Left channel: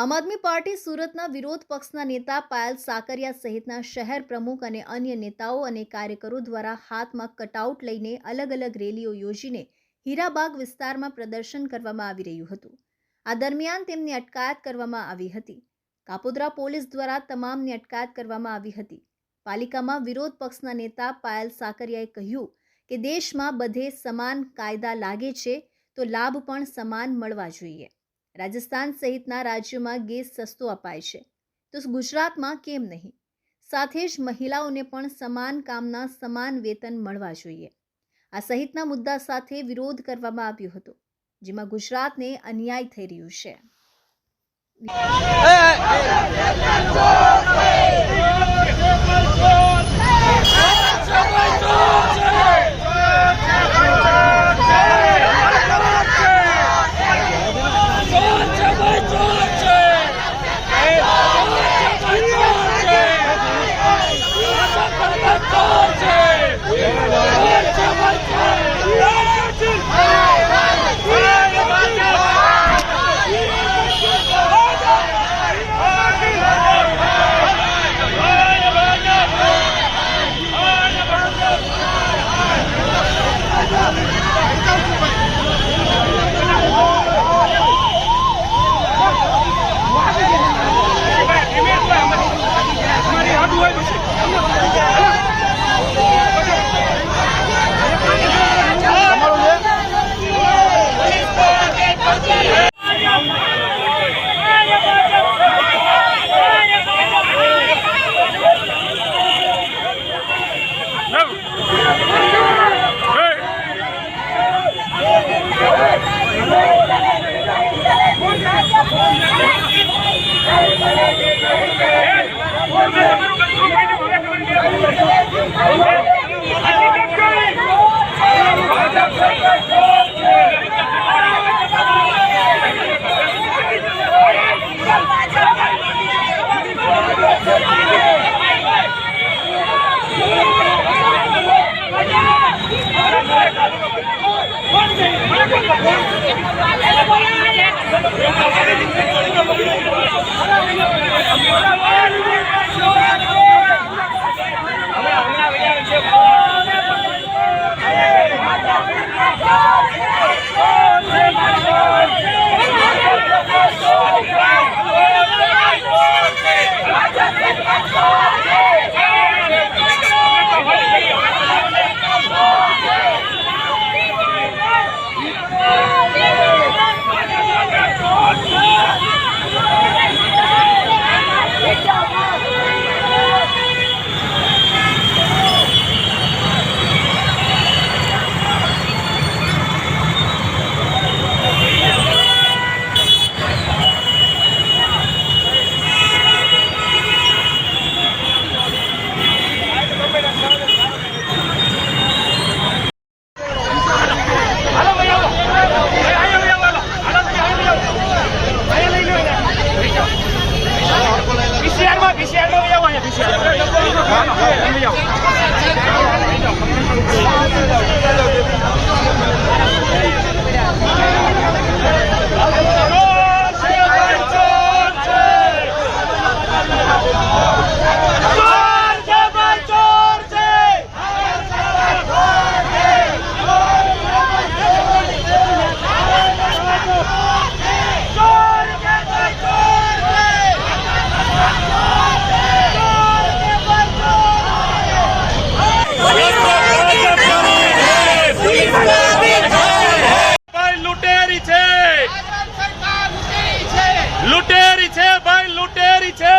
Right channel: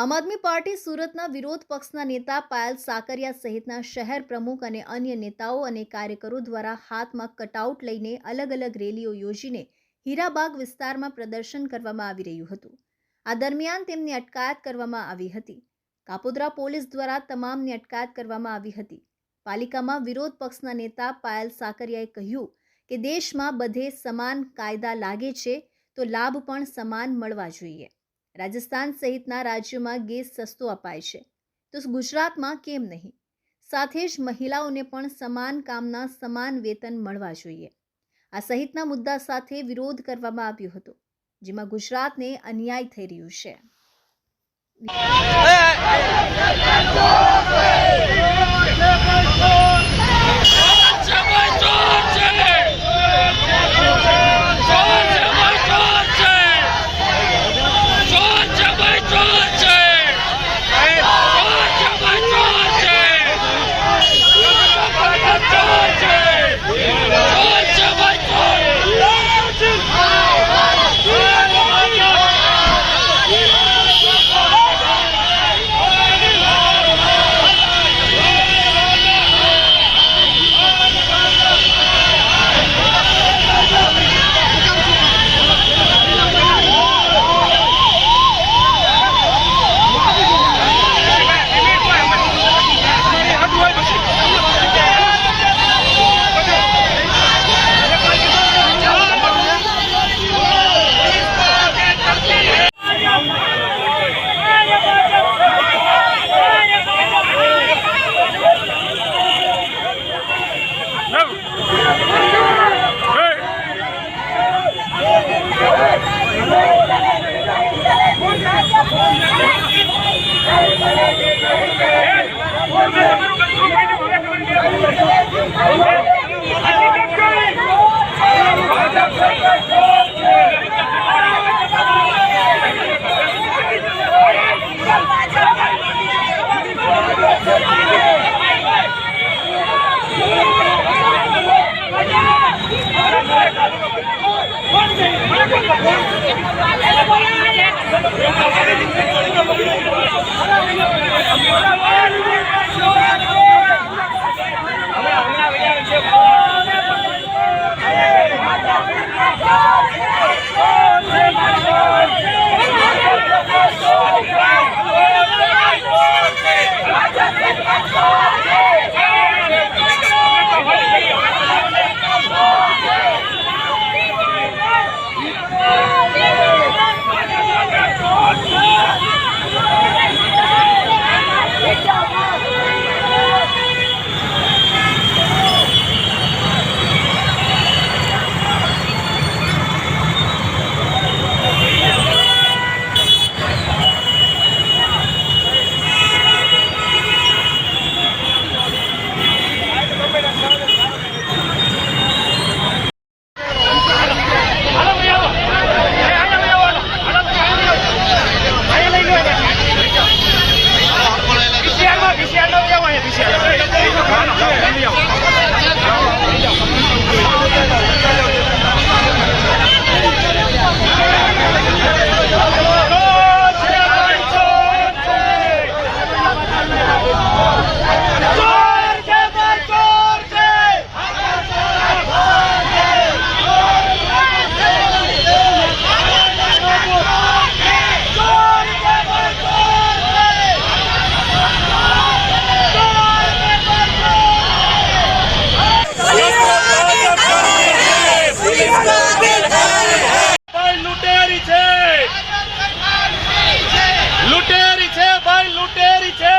આમ આદમી પાર્ટી સુરતના વિરોધ પક્ષના નેતા પાયલ સાકરિયા સહિતના શહેર પ્રમુખ અને અન્ય નેતાઓ અને કાર્યકરો દ્વારા હાથમાં કટઆઉટ લઈને અલગ અલગ રેલીઓ યોજીને હીરાબાગ વિસ્તારમાં પ્રદર્શન કરવામાં આવી રહ્યું હતું। આ દરમિયાન તેમની અટકાયત કરવામાં આવી હતી। કાપોદ્રા પોલીસ દ્વારા તમામની અટકાયત કરવામાં આવી હતી। પાલિકામાં વિરોધ પક્ષના નેતા પાયલ સાકરિયાએ કહ્યું કે દેશમાં બધે સમાન કાયદા લાગે છે તો લાભ પણ સમાન મળવા જોઈએ। રાજસ્થાન સહિતના રાજ્યોમાં ગેસ સસ્તો અપાય છે તો ગુજરાતમાં કેમ નહીં? સાથે જ મહિલાઓને પણ સમાન કામના સમાન વેતન મળવા જોઈએ। આ સહિતના મુદ્દા સાથે વિરોધ કરવામાં આવ્યો હતો, જેમાં ગુજરાતને અન્યાય થઈ રહ્યું છે। લૂંટેરી છે ભાઈ, લૂંટેરી છે।